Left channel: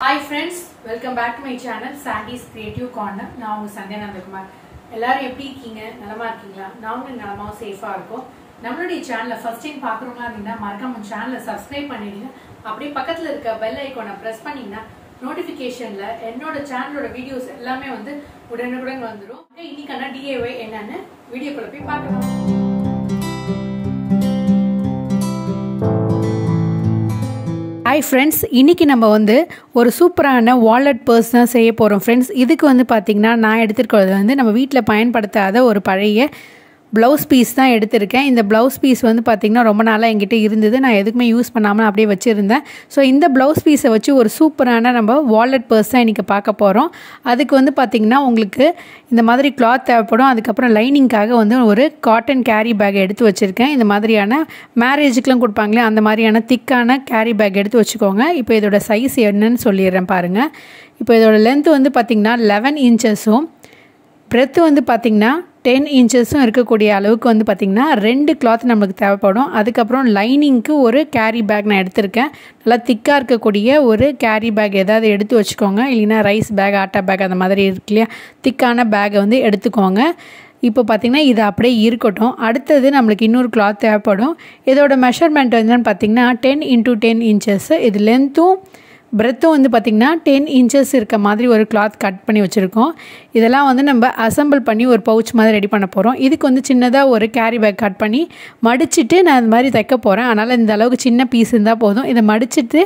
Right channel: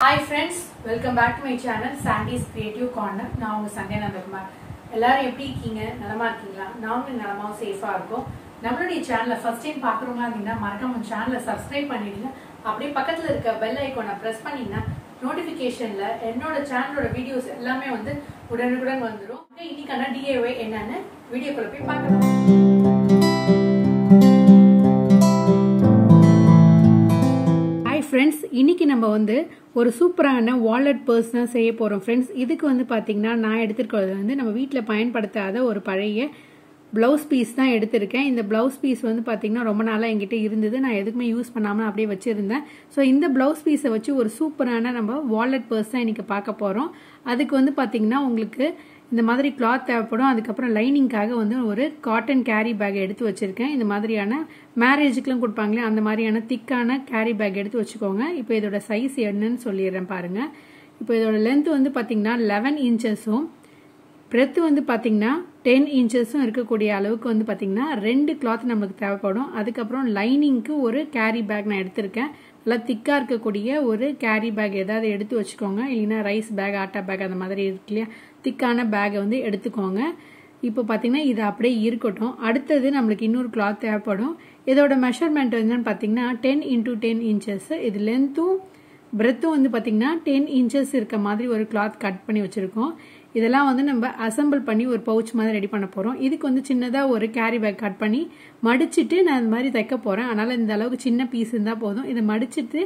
Hi friends, welcome back to my channel Sandy's Creative Corner. நான் உங்க Sunday Nandakumar. எல்லாரும் எப்படி இருக்கீங்க? நலமா இருக்கீங்களா? நாங்களும் நலமா சேஃபா இருக்கோம். நம்மளுடைய சேனலை ஃபர்ஸ்ட் டைம் பார்க்குறவங்களா இருந்தீங்கன்னா மறக்காம சேனலை சப்ஸ்கிரைப் பண்ணிடுங்க. அப்படியே பக்கத்துல இருக்க பெல் ஐகானை பிரஸ் பண்ணீங்கன்னா நோட்டிபிகேஷன்ல என்னோட சேனலோட வீடியோஸ் எல்லாமே வந்து உடனுக்குடன் வந்துடும். இன்னைக்கான DIY என்னன்னு வீடியோக்குள்ள போய் பார்க்கலாம். Hi friends, இன்னைக்கு நம்ம வந்து ஒரு சூப்பரான வாலெட் பர்ஸ் தான் செய்ய போறோம் friends. இதுக்கு வந்து பாத்தீங்கன்னா நான் எடுத்துக்கிறது வந்து நம்ம வீட்ல பயன்படுத்தாத ஒரு பழைய ப்ளவுஸ் பீஸ் தான் எடுத்திருக்கேன். இந்த ப்ளவுஸ் பீஸ் வந்து பாத்தீங்கன்னா ரொம்ப நாளா என்கிட்ட இருந்தது. நான் எதுக்குமே யூஸ் பண்ணாம அப்படியே வச்சிருந்தேன். ஸோ இந்த ப்ளவுஸ் பீஸை வச்சு ஒரு சூப்பரான நம்ம வாலெட் பர்ஸ் தான் இன்னைக்கு பார்க்க போறோம். அதுக்கு வந்து பாத்தீங்கன்னா உங்களுக்கு இந்த மாதிரி கிளாத் தேவைப்படும். அதுக்கப்புறம் லைனிங்காக வந்து ஒரு காட்டன் கேரி பேக் எடுத்து வச்சுருக்கேன். இந்த மாதிரியான மேரேஜுக்கெலாம் கொடுப்பாங்களே அந்த மாதிரியான திக்கான கேரி பேக் எடுத்து வச்சுக்கோங்க. இப்போ இதோட சைஸ் என்னன்னு சொல்லிடுறேன் பாருங்கள். இப்போ இதோட லென்த் வந்து பார்த்திங்கன்னா 11 இன்ச்சஸும் பிரெத்து வந்து பார்த்திங்கன்னா 10 இன்ச்சஸும் இருக்கக்கூடிய அளவுக்கு வந்து பார்த்திங்கன்னா 2 கிளாத் நம்மளுக்கு தேவைப்படும். அதுக்கப்புறம் லைனிங்க்கு ஒரு கேரி பேக் நான் எடுத்திருக்கேன். நல்லா திக்காக இருக்கக்கூடிய ஒரு கேரி பேக் ஏதாவது எடுத்து வச்சுக்கோங்க. இல்லைன்னா ரைஸ் பேக், ஆட்டா பேக் அந்த மாதிரி இருக்கு இல்லையா, திக்கான பேக்கை வந்து எடுத்துக்கோங்க. இப்போ பார்த்திங்கன்னா இது அப்படியே இருக்கட்டும். அடுத்தது நம்மளுக்கு இன்னொரு கிளாத் தேவைப்படும். இதோட மெஷர்மெண்ட் என்னன்னு பார்த்திங்கன்னா 10 × 10 இன்ச்சஸ். இது லென்த்தும் பிரெத்தும் வந்து பார்த்திங்கன்னா 10 இன்ச்சஸ் இருக்க மாதிரி ஒரு கிளாத் கட் பண்ணி வச்சுருக்கோம். இதெல்லாம் வந்து நம்ம அசம்பிள் பண்ணி ஒரு பவுச் மாதிரி ரெடி பண்ண போகிறோம். இதுக்கு வந்து சின்னதாக ஒரு கேரி பேக் கட் பண்ணி மடிச்சுட்டு நான் இந்த மாதிரி தைக்க போகிறேன். அதனால் இந்த அளவுக்கு சின்ன பீஸ் இருந்தால் போதும். இதை மடிச்சுட்டு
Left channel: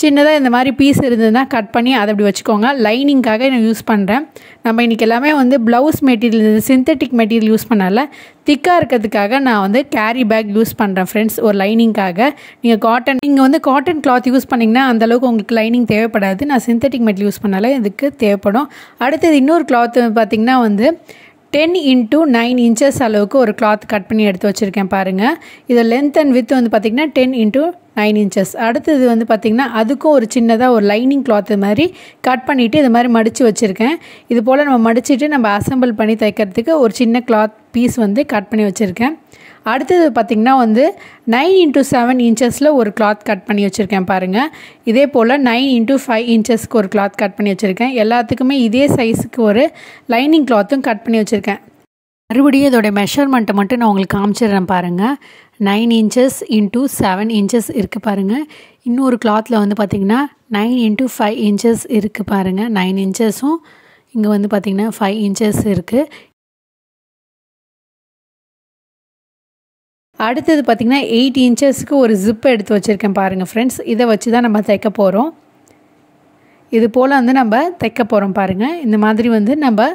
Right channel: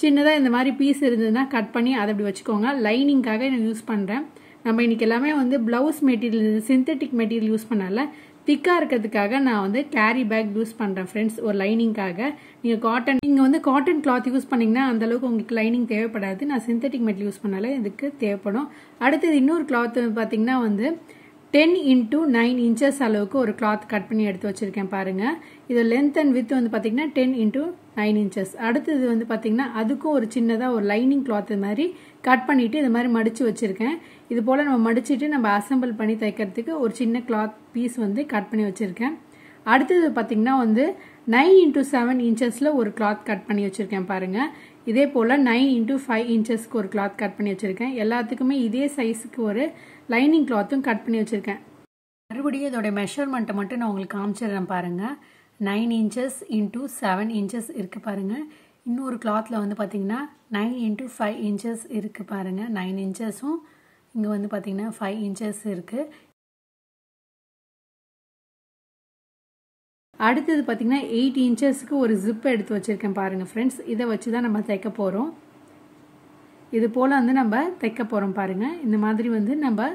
சின்னதாக இந்த மாதிரி பீஸ் இருந்ததுன்னா கட் பண்ணி அதை அப்படி வச்சுக்கோங்க. லைனிங்காக நான் யூஸ் பண்ணுறேன். நம்ம இன்றைக்கி எல்லாமே வந்து blouse material, synthetic material use பண்ணால திக்காக இருக்கிறதுக்காக நான் வந்து கேரி பேக் யூஸ் பண்ணுறேன் ஃப்ரெண்ட்ஸ். ஒரு லைனிங்காக நீங்கள் வந்து காட்டன் கிளாத் யூஸ் பண்ணிங்கன்னா அந்தளவுக்கு உங்களுக்கு லைனிங் தேவைப்படாது. நான் சிந்தட்டிக் மெட்டீரியல் யூஸ் பண்ணால இதுக்கு தேவைப்படும். அடுத்தது இன்னொரு கிளாத் பார்த்திங்கன்னா வந்து 10 × 9 இன்ச்சஸ் அளவுக்கு ஒரு கிளாத் கட் பண்ணி எடுத்து வச்சுருக்கேன் பாருங்கள். இதோட லென்த் அண்ட் வித் வந்து பார்த்திங்கன்னா 10 × 9 இன்ச்சஸ். அடுத்தது வந்து பார்த்திங்கன்னா அதுக்கும் ஒரு சின்னதாக ஒரு லைனிங் கிளாத் மாதிரி கட் பண்ணிவிட்டு இது மாதிரி மடித்து வச்சுருக்கேன். இது போல் நம்ம மடிச்சுட்டு நம்ம அசம்பிள் பண்ணி தைக்கிறதுக்கு ஒரு சின்ன கிளாத் பீஸ் வந்து கட் பண்ணி வச்சுருக்கேன். அடுத்தது பார்த்திங்கன்னா வந்து 9 × 7 இன்ச்சஸில் ஒரு கிளாத் கட் பண்ணி வச்சுருக்கேன் பாருங்கள். இதே போல் 9 × 5 இன்ச்சஸ்க்கு ஒரு கிளாத் கட் பண்ணி வச்சுருக்கேன். எல்லாத்துக்குமே இதே சைஸுக்கு ஒரு லைனிங் கிளாத்தும் கட் பண்ணி வச்சுருக்கேன். மறுபடியும் இதோடைய மெஷர்மெண்ட்டை மட்டும் நான் உங்களுக்கு காமிச்சிடுறேன் பாருங்கள். 9 இன்ச்சஸ் × 7 இன்ச்சஸ் இருக்குது பாருங்கள். இன்னொரு கிளாத்தில் வந்து பார்த்திங்கன்னா 9 × 5 இன்ச்சஸ் இருக்குது பாருங்கள். 9 இன்ச்சஸும் இங்கே வந்து பார்த்திங்கன்னா 5 இன்ச்சஸ் இருக்குது. அடுத்தது பார்த்திங்கன்னா 8 இன்ச்சஸ்க்கு ஒரு ஜிப்பை எடுத்து வச்சுருக்கேன் பாருங்கள் ஃப்ரெண்ட்ஸ். இதை வச்சு தான் நம்ம தைக்க போகிறோம். இது போல் வந்து நம்ம தைக்க போகிறோம் பாருங்கள். இந்த மாதிரி வந்து நம்ம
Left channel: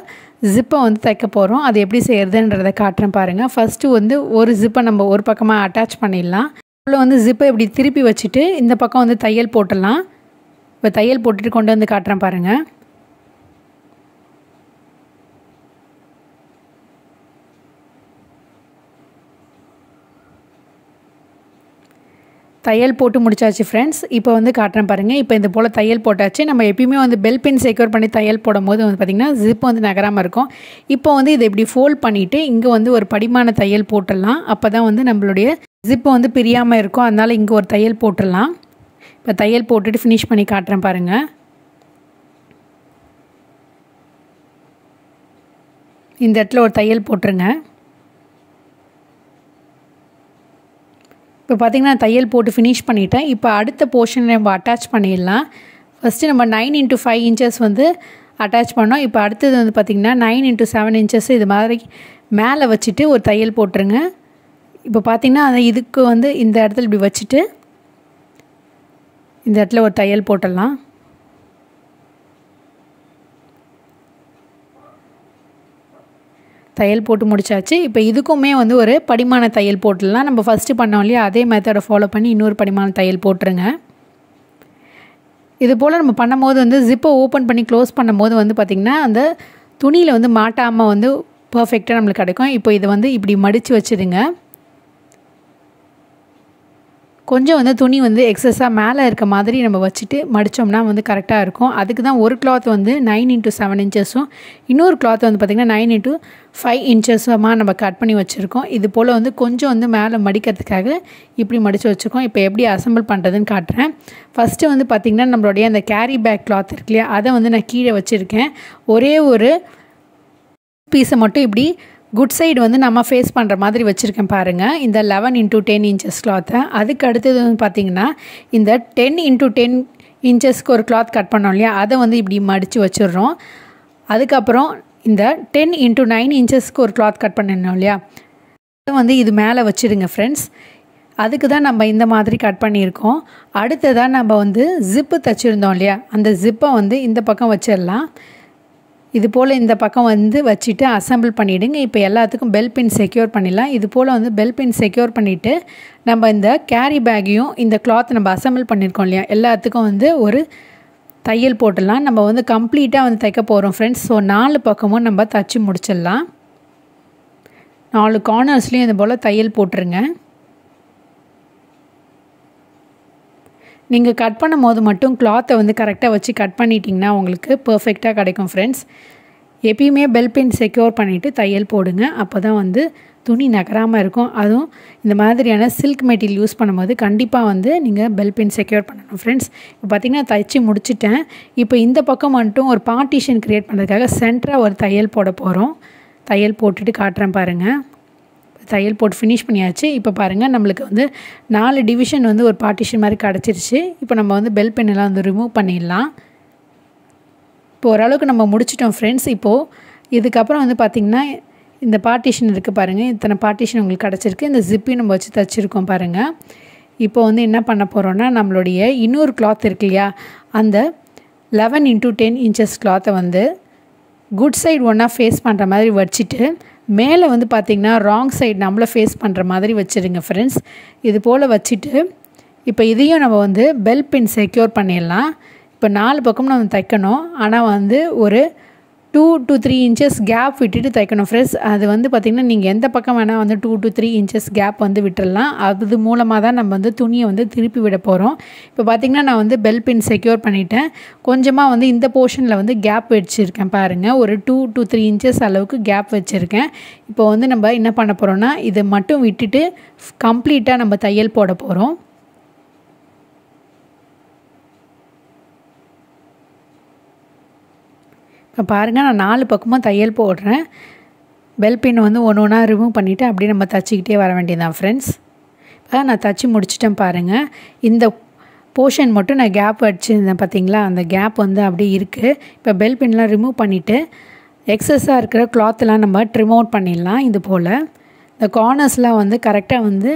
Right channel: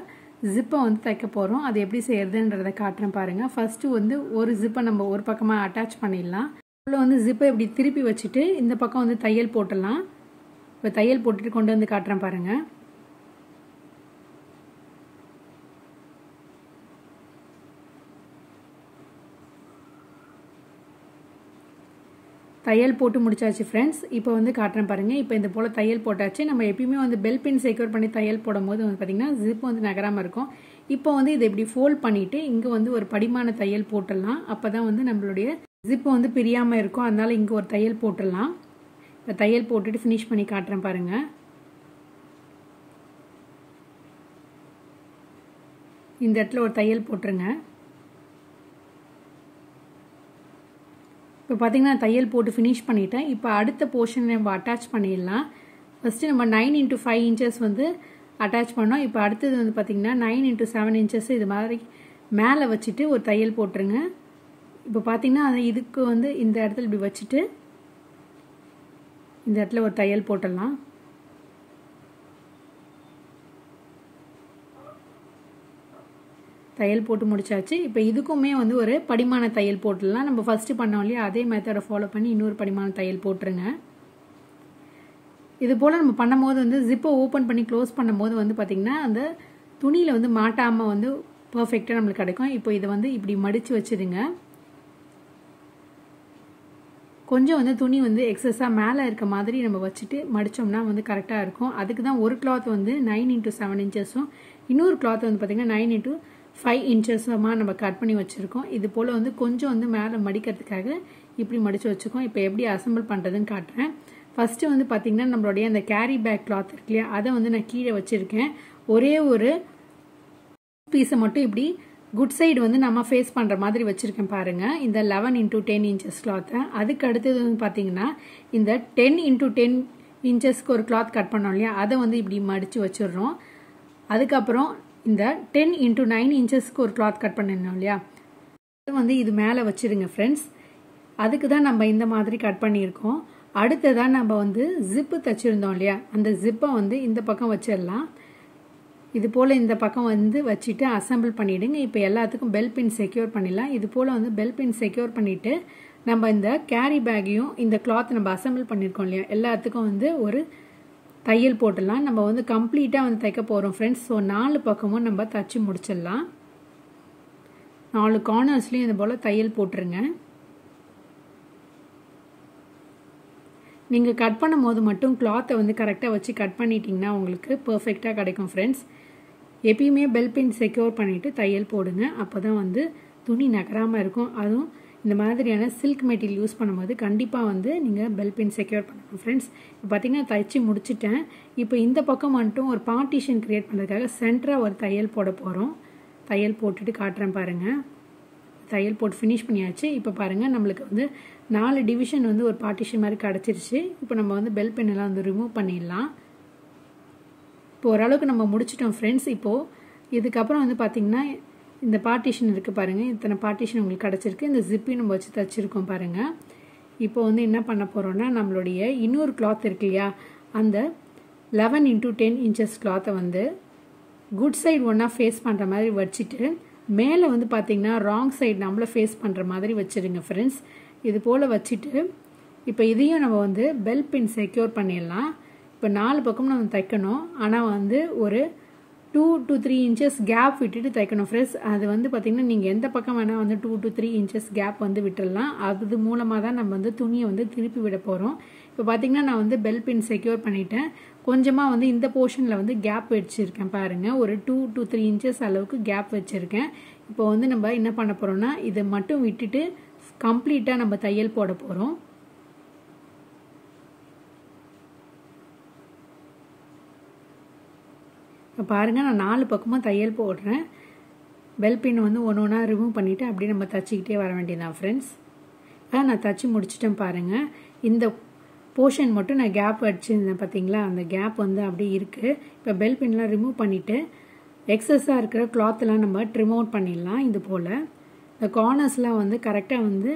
ஜிப்பை வந்து தைக்க போகிறோம். அது எப்படி செய்கிறதுன்றதை காட்டுறேன் பாருங்கள். ஃபஸ்ட்டு வந்து ஒரு ஜிப்பை நம்ம ஒரு பக்கமாக அட்டாச் பண்ணிடலாம். அவ்வளோ வந்து ஜிப்பை இப்படி திருப்பி வச்சுட்டு இந்த பக்கம் வந்து தையல் போட்டுடலாம். இப்போ தையல் போட்டுட்டு கொண்டு வந்து காட்டுறேன் பாருங்கள். தையல் போட்டு முடிச்சாச்சு ஃப்ரெண்ட்ஸ். இப்போ வந்து காட்டுறேன் பாருங்கள். இப்போ இந்த போல் தையல் போட்டாச்சு. நம்ம எப்பயுமே வந்து பெல் பின் செக்யூர் பண்ணி தையல் போடும் போது வந்து பார்த்திங்கன்னா ஜிப் வந்து நகராமல் இருக்கும். இப்போ வந்து இதை இப்படி ஃபோல்ட் பண்ணிவிட்டு இங்கே வந்து ஒரு படிமான தையல் போட்டுடலாம். அப்போ தான் வந்து நம்மளுடைய ஜிப்பை வந்து பிரியாமல் இருக்கும். அதனால் இங்கே ஒரு தையல் போட்டுடலாம். இப்போ தையல் போட்டுட்டு ஃபினிஷ் பண்ணி காட்டுறேன் பாருங்கள். இந்த இடத்துல ஒரு தையல் போட்டுருங்க. இப்போ பார்த்திங்கன்னா தையல் போட்டு ஃபினிஷ் பண்ணிவிட்டேன். இப்போ அடுத்த போர்ஷனை நம்ம அட்டாச் பண்ணிடலாம். ஃபஸ்ட்டு நம்ம 9 × 5 இன்ச்சஸ் வந்து அட்டாச் பண்ணோம். இப்போ அடுத்தது வந்து பார்த்திங்கன்னா 9 × 7 இன்ச்சஸ் இது மாதிரி மேலே வச்சுட்டு ஒரு தையல் போட்டுருங்க. இப்போ பார்த்திங்கன்னா இதுக்கு வந்து இந்த இடத்துல இப்படி வச்சுட்டு இந்த இடத்துல ஒரு தையல் போட்டுடலாம். தையல் போட்டு முடிச்சாச்சு. இப்போ இதுக்குமே வந்து ஒரு படிமான தையல் போட்டுடலாம். நம்ம ஃபஸ்ட்டு பண்ணோம் இல்லையா, அதே மெத்தடை ஃபாலோ பண்ணி இன்னொரு படிமான தையல் போட்டுருங்க. இது போல் நம்ம பண்ணும்போது வந்து ஜிப்பை ஓப்பன் பண்ணி க்ளோஸ் பண்ணும்போது வந்து பார்த்திங்கன்னா அந்த துணியில் வந்து மாட்டாமல் வந்து பர்ஃபெக்டாக நம்மளுக்கு கிடைக்கும். இப்போ இதை வந்து இப்படி மடித்து வச்சுடுங்க. கொஞ்சம் வந்து துணி வந்து எக்ஸஸாக மேலே இருக்க மாதிரி நம்ம வச்சுட்டு மடித்தோம்னா வந்து கரெக்டாக இருக்கும். அதுக்கு தான் ஒரு கிளாத் வந்து 9x7 இன்ச்சஸும் இன்னொரு கிளாத் வந்து பார்த்திங்கன்னா 9x5 இன்ச்சஸுமாக நம்ம கட் பண்ணி வச்சுருக்கோம். இது போல் வந்து கொஞ்சம் வந்து மேலே மடிக்கிறதுக்காக இப்படி மடித்து வச்சுருக்கோம். இப்போ எப்படி அசம்பிள் பண்ணுறதுன்னு காட்டுறேன். ஃபஸ்ட்டு வந்து பார்த்திங்கன்னா நம்மளுடைய அந்த கேரி பேக் கிளாத் இருக்கு இல்லையா, அதை வந்து நான் கீழே வச்சுருக்கேன். ஒரே ஒரு பீஸை மட்டும் இப்படி குட் சைடு வந்து நம்ம ஃபேஸ் பண்ணுற மாதிரி வச்சுருக்கேன் பாருங்கள், இந்த 11x10 இன்ச்சஸ் கிளாத்தை. அதுக்கு அடுத்தது வந்து பார்த்திங்கன்னா இந்த 10x10 இன்ச்சஸ்க்கு ஒரு கிளாத் கட் பண்ணோம் இல்லையா, அதை வந்து இப்படி மடித்து வச்சிடுறோம். அதுக்கப்புறம் இந்த 10x9 இன்ச்சஸ்க்கு ஒரு கிளாத் கட் பண்ணிடணும் இல்லையா, அதை வந்து இது மேலே வச்சுடுங்க ஃப்ரெண்ட்ஸ். அதுக்கு தான் நம்ம இந்த மாதிரி கட் பண்ணியிருக்கோம். அடுத்ததாக நம்ம வந்து ஜிப்பு தைச்சிருந்தோம் இல்லையா, அந்த ஜிப்பை வந்து இந்த பக்கம் வச்சிடலாம். இது போல் இந்த பக்கம் வந்து வச்சுட்டு அசம்பிள் பண்ணிவிடுங்க. இப்போ எல்லாத்துக்கும் பெல் பின் செக்யூர் பண்ணிடலாம். இது போல் வந்து பெல் பின் செக்யூர் பண்ணிவிட்டு நம்ம இந்த கேரி பேக்கையும் இந்த கிளாத் நம்ம அசம்பிள் பண்ணியிருக்கோம் இல்லையா, எல்லாத்துக்கும் வந்து ஒரு தையல் போட்டுடலாம். நம்ம வந்து கம்ப்ளீட்டாக வந்து தைக்க போகிறோம் ஃப்ரெண்ட்ஸ். ஸோ 4 பக்கமும் நம்ம தைச்சி முடிச்சிடலாம். 4 கார்னர்ஸ்லேயும் இது போல் தையல் போட்டுருங்க. நீங்கள் கட் பண்ணும் போது மட்டும் கிளாத்தை வந்து கரெக்டாக வச்சு கட் பண்ணிட்டிங்கன்னா உங்களுக்கு பர்ஃபெக்டாக கிடைக்கும் ஃப்ரெண்ட்ஸ். எப்பயுமே பெல் பின் செக்யூர் பண்ணிவிட்டு தையல் போடுங்க. அப்போ தான் வந்து துணி நகராமல் இருக்கும். அதுவும் இந்த மாதிரியான சில்க் மெட்டீரியல் யூஸ் பண்ணும்போது கண்டிப்பாக வந்து நீங்கள் பெல் பின் செக்யூர் பண்ணணும் ஃப்ரெண்ட்ஸ். இப்போ பார்த்திங்கன்னா தைச்சி முடிச்சிட்டேன். இப்போ இந்த பக்கம் மட்டும் ஒரு பார்ட்டிஷன் க்ரியேட் பண்ணுறதுக்காக சென்டராக ஒரு தையல் போட போகிறோம். தையல் போட்டுட்டு காட்டுறேன் பாருங்கள். தையல் போட்டு ஃபினிஷ் பண்ணியாச்சு. இப்போ பாருங்கள் நம்மளுக்கு வந்து 4 டிவிஷன் வந்து ஒரு பார்ட்டிஷன் மாதிரி கிடச்சிருச்சு. இப்போ நம்ம வந்து பெல் பென்னெல்லாம் வந்து ரிமூவ் பண்ணிடலாம். இப்போ ஓரளவுக்கு நம்ம முடிச்சிட்டோம் ஃப்ரெண்ட்ஸ். இப்போது இதுக்கப்புறம் வந்து பார்த்திங்கன்னா இந்த பார்ட்டிஷன் இருக்குது பாருங்கள், இத்தனை பார்ட்டிஷன் உங்களுக்கு கிடச்சிருக்கு. இந்த ஜிப்பையும் நம்ம வச்சு தைச்சிருக்கோம் பாருங்கள். இப்போ வந்து என்ன பண்ண போகிறோன்னா நம்மளுடைய இன்னொரு கிளாத் இருக்கு இல்லையா, அந்த 11x10 இன்ச்சஸ் கிளாத்தை வந்து குட் சைடு ஒன்றா ஃபேஸ் பண்ணுற மாதிரி வச்சுட்டு மேலே வந்து பார்த்திங்கன்னா ராங் சைடு நம்மளை ஃபேஸ் பண்ணுற மாதிரி வச்சுருங்க ஃப்ரெண்ட்ஸ். இது போல் வச்சுட்டு இப்போ இதையும் நம்ம வந்து பெல் பின் செக்யூர் பண்ணிடலாம். இப்போ 4 பக்கம் நம்ம தைக்கணும். ஆனால் வந்து ஒரு 2 to 3 இன்ச்சஸ் கேப் விட்டுட்டு தைக்கணும் ஃப்ரெண்ட்ஸ். அது வந்து பார்த்திங்கன்னா நீங்கள் எந்த பக்கம் வேணால் வந்து 2 to 3 இன்ச்சஸ் கேப் வந்து விட்டுடலாம். அது மூலமாக தான் நம்ம வந்து துணியை வந்து திருப்பி விட போகிறோம். இப்போ பார்த்திங்கன்னா நான் வந்து பெல் பின் செக்யூர் பண்ணிவிட்டேன். கொஞ்சமாக வந்து இந்த போர்ஷனில் வந்து கேப் வச்சுருக்கேன் பாருங்கள். ஒரு 2 to 3 இன்ச்சஸ் அளவுக்கு கேப் வச்சுருக்கேன். இப்போ வந்து நம்ம என்ன பண்ண போகிறோன்னா இதை மட்டும் விட்டுட்டு கம்ப்ளீட்டாக நம்ம தையல் போட போகிறோம். இப்போ பாருங்கள் நான் 4 பக்கமும் தையல் போடுறேன். பெல் பின் வந்து ஒன்று ஒன்றா ரிமூவ் பண்ணிவிட்டு அப்படியே நம்ம தைச்சிக்கிட்டே வர வேண்டியதான் ஃப்ரெண்ட்ஸ். நான் தைச்சி முடிச்சிட்டேன் பாருங்கள். இந்த போர்ஷன் மட்டும் நான் கேப் வச்சுருந்தேன் பார்த்திங்களா, அந்த கேப் வந்து அப்படியே இருக்குது. இப்போ பெல் பின்லாம் ரிமூவ் பண்ணிவிட்டு எக்ஸஸாக இருக்கிற கிளாத்லாம் நம்ம ட்ரிம் அவுட் பண்ணிடலாம். இது போல் இந்த கார்னர்ஸ்லாம் வந்து கரெக்டாக வந்து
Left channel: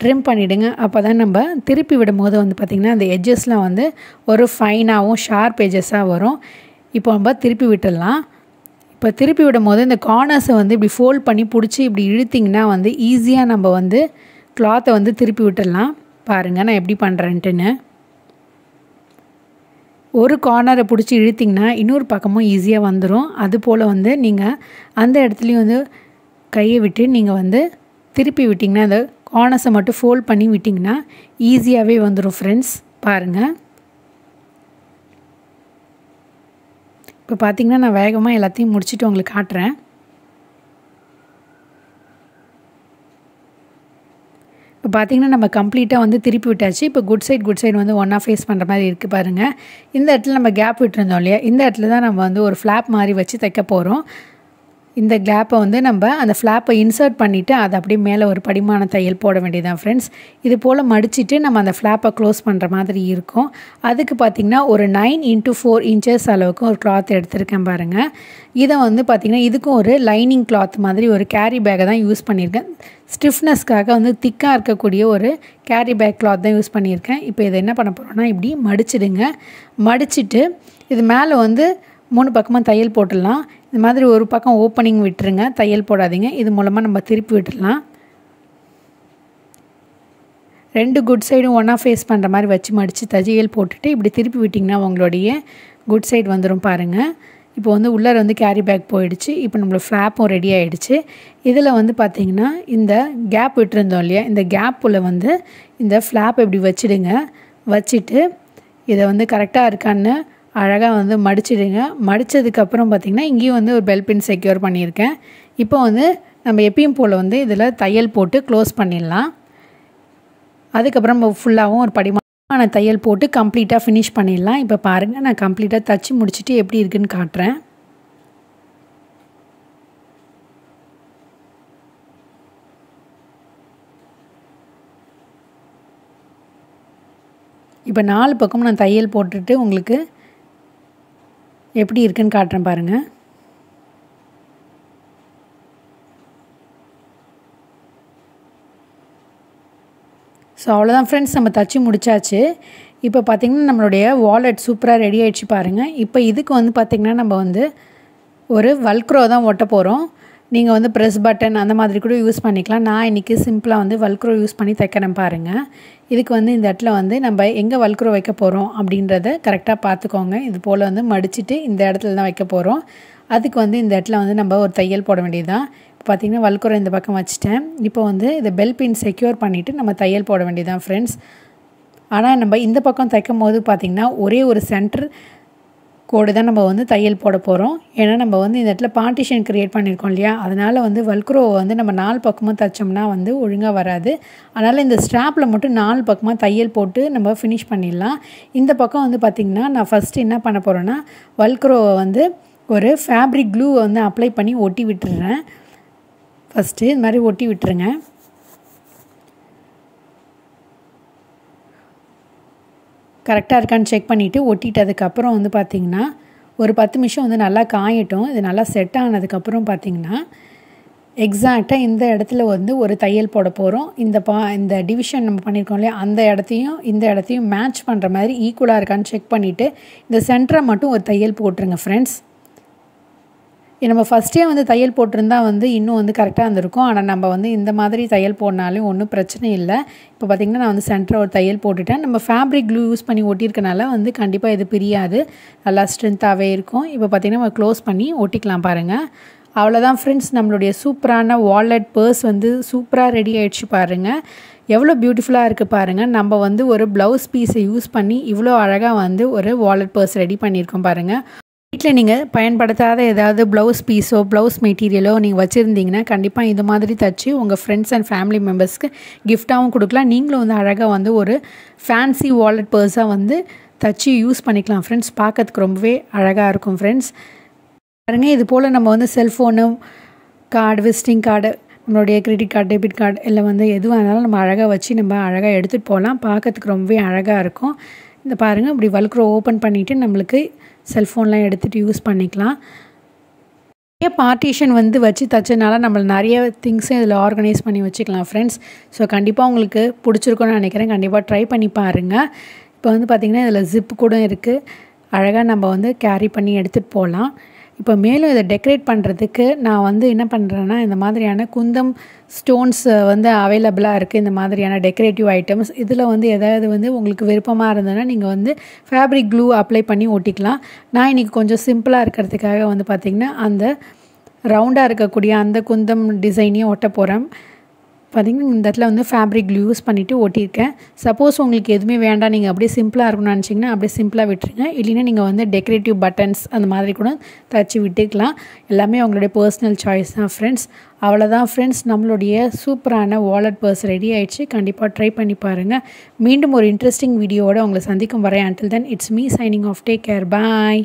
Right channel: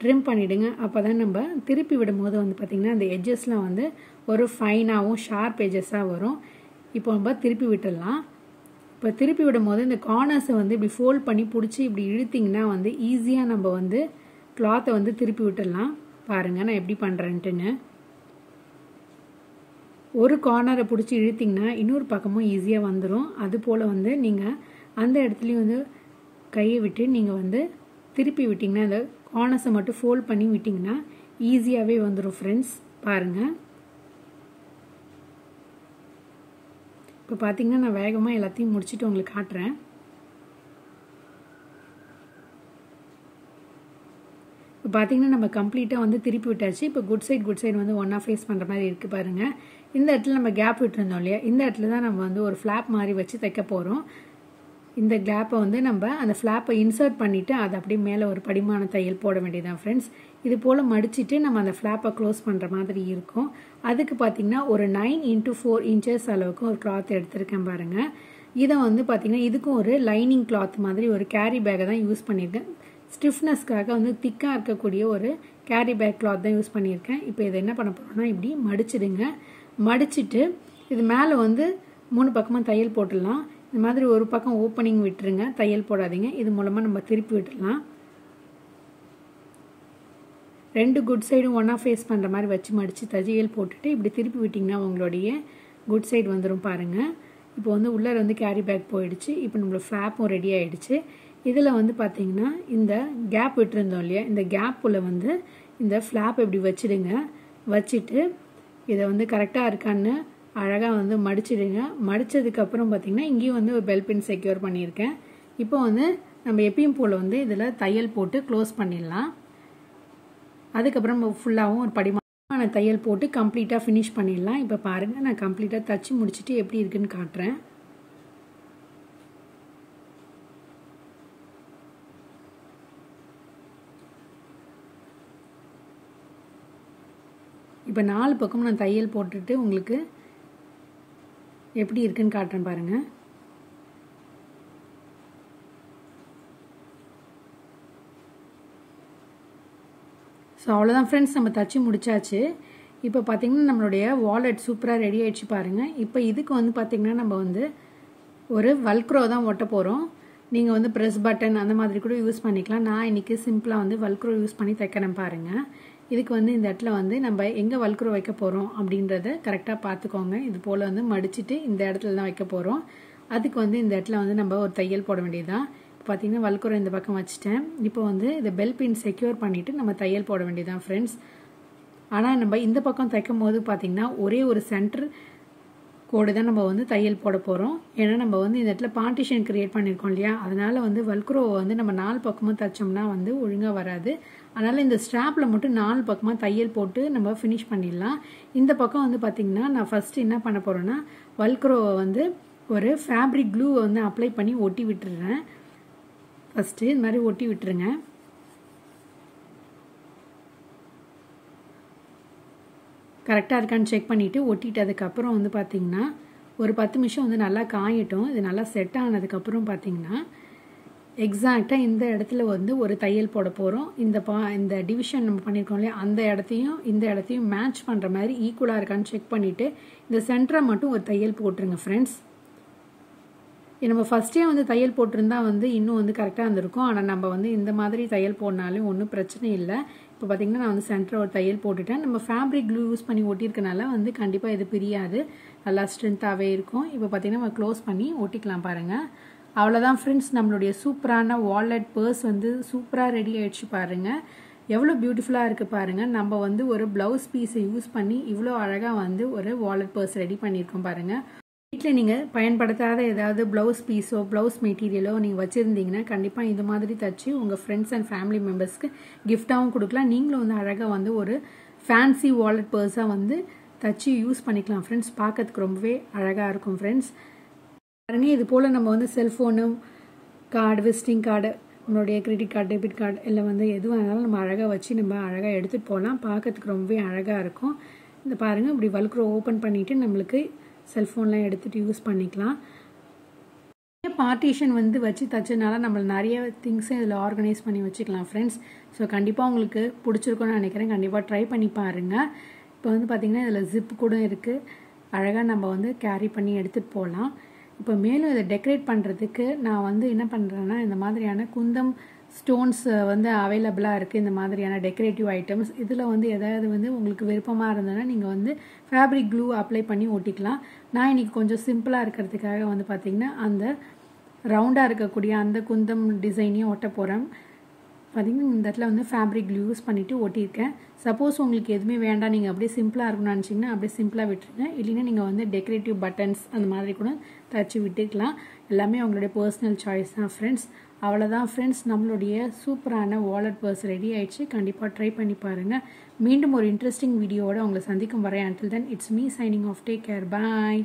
ட்ரிம் பண்ணிவிடுங்க. அப்போ தான் நம்ம திருப்பி விடும் போது வந்து பார்த்திங்கன்னா அந்த எட்ஜஸ்லாம் வந்து ஒரு ஃபைனாகவும் ஷார்ப் எட்ஜஸாக வரும். இப்போ நம்ம திருப்பி விட்டுடலாம். இப்போ திருப்பி விடும் போது இந்த கார்னர்ஸை வந்து இப்படி ஃபோல்ட் பண்ணி பிடிச்சி இப்படி இழுத்திங்கன்னா வந்து ஈஸியாக நம்ம வந்து கிளாத்தை வந்து திருப்பி விட்டுடலாம். பாருங்கள் நான் எப்படி பண்ணுறேன்ட்டுன்னு. ஒரு கார்னரை பிடிச்சி இழுத்திங்கன்னா இன்னொரு பக்கமும் ஈஸியாக வந்துடும். அதுபோல் வந்து நீங்கள் அந்த இடத்துலையும் வந்து கையை விட்டு நீங்கள் வந்து திருப்பி விட்டிங்கன்னா அந்த கார்னர்ஸை மட்டும் ஃபோல்ட் பண்ணி விட்டிங்கன்னா ஈஸியாகவே வந்துடும் ஃப்ரெண்ட்ஸ். பாருங்கள் இப்போ பார்த்திங்கன்னா நான் வேகமாக எல்லாத்தையும் முடிச்சுட்டு உங்களுக்கு காட்டுறேன். இப்போ பார்த்திங்கன்னா நம்ம கம்ப்ளீட்டாக வந்து திருப்பி விட்டாச்சு. இப்போ குட் சைடு வந்து ஒன்றா ஃபேஸ் பண்ணுற மாதிரி இருக்குது பாருங்கள். இந்த இடத்துல நம்ம கேப் விட்டுருந்தோம் இல்லையா, இந்த இடத்துல தான் நம்ம வந்து ஒரு ஃப்ளாப் மாதிரி வச்சு தைக்க போகிறோம். இந்த கேப்பை வந்து நம்ம அந்த ஃப்ளாப்பை இன்சர்ட் பண்ணிவிட்டு அதை அப்படியே மேலே ஒரு படிமான தையல் போட வேண்டியதான் ஃப்ரெண்ட்ஸ். இது போல் மடிச்சுட்டு நம்ம அந்த ஃப்ளாப்பை க்ளோஸ் பண்ணுற மாதிரி இருக்கும். அதுக்கு பார்த்திங்கன்னா ஒரு 9x4 இன்ச்சஸ் அளவுக்கு ஒரு கிளாத் எடுத்திருக்கேன் பாருங்கள். இதை வந்து பார்த்திங்கன்னா இதுக்கும் ஒரு லைனிங் கிளாத் மாதிரி ஒரு கேரி பேக்கை தான் யூஸ் பண்ணியிருக்கேன். ஸ்டிஃப்னஸ்க்காக வந்து திக்காக இருக்கக்கூடிய ஒரு கேரி பேக் கிளாத் தான் யூஸ் பண்ணியிருக்கேன். இப்போ இதை என்ன பண்ண போகிறோன்னா இப்படி மடிச்சிடுங்க. மடிச்சுட்டு இது மேலே வந்து 3 பக்கமாக தையல் போட்டுடலாம். இந்த மாதிரி ஒரு பக்கம் ஓப்பனிங் விட்டுருங்க, தையல் போடாதீங்க. இது மூலமாக நம்ம திருப்பி விட்டுடலாம். 2 குட் சைடும் ஒன்றா ஃபேஸ் பண்ணுற மாதிரி வச்சு மடித்து தையல் போட்டுட்டு இப்படி திருப்பி விட்டிங்கன்னா உங்களுடைய குட் சைடு வந்துடும் பாருங்கள். இப்போ வந்து உள்ளே வந்து கேரி பேக் போயிடுச்சு. இப்போ நம்மளோட ஃப்ளாப்பும் ரெடி ஆகிடுச்சு. இதில் வந்து பார்த்திங்கன்னா இந்த கேப் விட்டுருந்தோம் இல்லையா, இந்த கேப்புள்ள வந்து இந்த ஃப்ளாப் இப்படி வச்சுடுங்க. வச்சுட்டு இதை வந்து கரெக்டாக இருக்கான்னு அழகாக வந்து மடிச்சிடுங்க. மடித்ததுக்கப்புறம் பார்த்திங்கன்னா இங்கேயும் வந்து ஒரு பெல் பின் செக்யூர் பண்ணியிருக்கேன். இப்போ வந்து நம்ம எப்பயும் போல் வந்து இதில் தையல் போட்டு க்ளோஸ் பண்ணிடலாம். அதுக்கப்புறம் நம்ம ஃபுல்லாகவும் ஒரு படிமான தையல் போட்டு கம்ப்ளீட்டாக ஃபினிஷ் பண்ணிடலாம். இப்போ பாருங்கள், நான் கம்ப்ளீட்டாக தச்சு முடிச்சுட்டு எப்படி இருக்குன்னு காட்டுறேன். இப்போ 4 பக்கமும் நான் தையல் போட்டுட்டு உங்களுக்கு எப்படி இருக்குன்னு காட்டுறேன் பாருங்கள். ஸோ அவ்வளோதான் ஃப்ரெண்ட்ஸ், நம்ம தச்சு முடிச்சாச்சு. இப்போ பார்த்திங்கன்னா நம்மளுடைய வாலெட் சூப்பராக ரெடி ஆகிடுச்சு பாருங்கள். இப்போ இதுக்கு வந்து பார்த்திங்கன்னா நம்ம வந்து ஒரு வல்க்ரோ தான் ஒட்ட போகிறோம். நீங்கள் வந்து ப்ரெஸ் பட்டன் அந்த மாதிரி கூட யூஸ் பண்ணிக்கலாம். நான் இன்றைக்கி சிம்பிளாக வந்து வல்க்ரோ யூஸ் பண்ணி தைக்கிறேன் பாருங்கள். இதுக்கு வந்து இந்த இடத்துல வந்து நம்ம எங்கே வல்க்ரோ வைக்க போகிறோம் அப்படின்றத கரெக்டாக பார்த்துக்கோங்க. இது போல் வந்து மடிச்சுட்டு இந்த இடத்துல தான் வைக்க போகிறோம். அதுக்கு வந்து இந்த இடத்துல வந்து நம்ம ஒரு தையல் போட வேண்டியது தான். இப்போ பார்த்திங்கன்னா வல்க்ரோ இந்த பக்கம் வச்சுட்டேன். இப்போ வந்து இதை பெல் பின் செக்யூர் பண்ணிவிட்டு நம்ம தையல் போட வேண்டியது தான் ஃப்ரெண்ட்ஸ். ஆனால் நம்ம இந்த பக்கம் தைக்கும் போது பார்த்திங்கன்னா ஒரே ஒரு சென்டர் கோடு தான் நம்ம வந்து தையல் போட போகிறோம். ஏன்னா நம்ம வந்து இந்த இடத்துல பார்ட்டிஷன் க்ரியேட் பண்ணியிருக்கோம் இல்லையா, அதனால் வந்து வல்க்ரோவை வந்து நம்ம 4 பக்கமும் தைச்சோம்னா வந்து ஒழுங்காக வராது. அதனால் இந்த ஸ்ட்ராப்பில் மட்டும் 4 பக்கமாக தையல் போட்டு நம்ம ஃபினிஷ் பண்ணிடலாம். இந்த பக்கம் வந்து பார்த்திங்கன்னா நான் ஃபஸ்ட்டு என்ன பண்ண போகிறேன்னா வல்க்ரோவை வந்து ஒரு ஃபேப்ரிக் க்ளூவை வந்து அப்ளை பண்ணி ஒட்டி விட்டுறேன். ஃபஸ்ட்டு இது மாதிரி ஒட்டி விட்டுருங்க. கரெக்டாக இருக்கான்னு செக் பண்ணிவிட்டு ஒட்டிட்டதுக்கப்புறம் வந்து பார்த்திங்கன்னா ஒரு 10 நிமிஷம் வந்து நல்லா காயட்டும். இது நல்லா செட் ஆனதுக்கப்புறம் பார்த்திங்கன்னா எக்ஸாக்டாக இந்த இடத்துல வந்து ஒரு தையல் போட போகிறோம். இந்த டிவிஷன் நம்ம பண்ணியிருக்கோம் இல்லையா, அந்த இடத்தையும் இந்த இடத்தையும் மேட்ச் பண்ணுற மாதிரி ஈக்குவலாக இருக்கான்னு செக் பண்ணிவிட்டு இந்த சென்டரை மட்டும் ஒரு தையல் போட்டுருங்க ஃப்ரெண்ட்ஸ். நம்ம ஃபஸ்ட்டே வந்து தையல் போட்டிருந்தா வந்து இன்னும் வந்து கரெக்டாக இருந்திருக்கும். ஆனால் நம்ம வந்து இந்த மாதிரி தையல் போடனாலும் ஒன்றும் பிரச்சனை இல்லை. இப்போ பார்த்திங்கன்னா நான் வந்து சென்டரை ஒரு தையல் போட்டுட்டேன். நம்ம ஃபேப்ரிக் க்ளூ யூஸ் பண்ணி ஒட்டியிருக்கனால வந்து கண்டிப்பாக இது பிரியாது, நல்லா ஸ்ட்ரென்த்தாகவே இருக்கும். இப்போ பார்த்திங்கன்னா நம்ம க்ளோஸ் பண்ணி ஒட்டிக்கலாம் பாருங்கள். அவ்வளோதான் ஃப்ரெண்ட்ஸ், நம்மளுடைய சூப்பரான வாலெட் பர்ஸ் வந்து சூப்பராக ரெடி ஆகிடுச்சு பாருங்கள். எவ்வளோ பியூட்டிஃபுல்லாக இருக்குது பாருங்கள். நம்ம வந்து ஒரு ப்ளவுஸ் பீஸை யூஸ் பண்ணி இவ்வளோ அழகாக வந்து ஒரு வாலெட் பர்ஸ் ரெடி பண்ணியிருக்கோம் பாருங்கள். வீட்டில் நீங்கள் பயன்படுத்தாத ஏதாவது ப்ளவுஸ் பீஸோ ப்ளவுஸ் மெட்டீரியலோ நீங்கள் வச்சுருந்தீங்கன்னா கண்டிப்பாக இது மாதிரி தைச்சி உங்கள் ஃப்ரெண்ட்ஸ் அண்ட் ஃபேமிலி மெம்பர்ஸ்க்கு கிஃப்டாகவும் கொடுக்கலாம். நீங்களும் வந்து அழகாக வந்து ஒரு ஃபேன்சி வாலெட் பர்ஸாக வந்து தைச்சி யூஸ் பண்ணிக்கலாம் ஃப்ரெண்ட்ஸ். பார்க்கறதுக்கு ரொம்பவே அழகாக இருக்கும் ஃப்ரெண்ட்ஸ். பாருங்க, இது போல் நம்ம வந்து செல்ஃபோனு, கார்டு, விசிட்டிங் கார்டு, நம்மளுடைய கிரெடிட் கார்டு, டெபிட் கார்டு எல்லாம் வந்து எதுவாக இருந்தாலும் நம்ம அழகாக வச்சு நம்ம அழகாக எடுத்துகிட்டு போகலாம். பார்க்கறதுக்கு ரொம்பவே அழகாக இருக்கும். இந்த பாருங்கள், இப்படி வல்க்ரோ ஓப்பன் பண்ணிவிட்டு நம்மளுக்கு செல்ஃபோன்லாம் எடுத்துகிட்டு யூஸ் பண்ணிக்கலாம். நிறைய பார்ட்டிஷன் வந்து வச்சு தைச்சனால நம்ம நிறைய திங்ஸும் இதில் ஆர்கனைஸ் பண்ணி வச்சுக்கலாம் ஃப்ரெண்ட்ஸ். ஸோ கண்டிப்பாக உங்களுக்கு பிடிச்சிருக்குன்னு நினைக்கிறேன். கண்டிப்பாக ட்ரை பண்ணி பாருங்கள். இப்போ வந்து பார்த்திங்கன்னா இதில் ஜிப்பு கூட இருக்குது. அழகாக நம்ம வந்து கேரி பண்ணி எடுத்துகிட்டு போகலாம். இப்போ மேலும் இதை டெக்கரேட் பண்ணுறதுக்கு நான் வந்து என்ன பண்ணுறேன்னா இந்த மாதிரியான குந்தம் ஸ்டோன்ஸ் வந்து அவைலபிளாக இருக்குது. இந்த மாதிரியான டெக்கரேட்டிவ் ஐட்டம்ஸ் இதில் வந்து எதாவது வந்து உங்களுக்கு விருப்பமாக இருந்ததுன்னா நீங்கள் வந்து ஃபேப்ரிக் க்ளூ அப்ளை பண்ணி ஒட்டிக்கலாம். நான் இன்றைக்கி கொஞ்சம் சிம்பிளாக இருக்கிறதுக்காக வந்து பார்த்திங்கன்னா அந்த ரவுண்டாக இருக்கக்கூடிய அந்த குந்தம் டிசைனையும் ஒட்ட போகிறேன். பார்த்திங்கன்னா இந்த இடத்துல வந்து ஃபேப்ரிக் க்ளூ யூஸ் பண்ணிவிட்டு ஒட்டியிருக்கேன். சப்போஸ் உங்களுக்கு எதுவுமே வேண்டாம், நீங்கள் அப்படியே சிம்பிளாக இருக்கணும்னு நினச்சிங்கன்னா அப்படியே சிம்பிளாக விட்டுருங்க. இல்லைன்னா நீங்கள் வந்து டெக்கரேட்டிவ் பட்டன்ஸ் அந்த மாதிரி கூட தச்சு விட்டுக்கலாம். எல்லாமே உங்களுடைய பர்சனல் சாய்ஸ் தான் ஃப்ரெண்ட்ஸ். அவ்வளோதான் ஃப்ரெண்ட்ஸ், நம்மளுடைய சூப்பரான வாலெட் பர்ஸ் ரெடி ஆகிடுச்சு. கண்டிப்பாக ட்ரை பண்ணி பாருங்கள். மீண்டும் ஒரு இன்ட்ரெஸ்டிங் வீடியோவோட உங்களை சந்திக்கும் வரை. until then it's me signing off. Take care. Bye.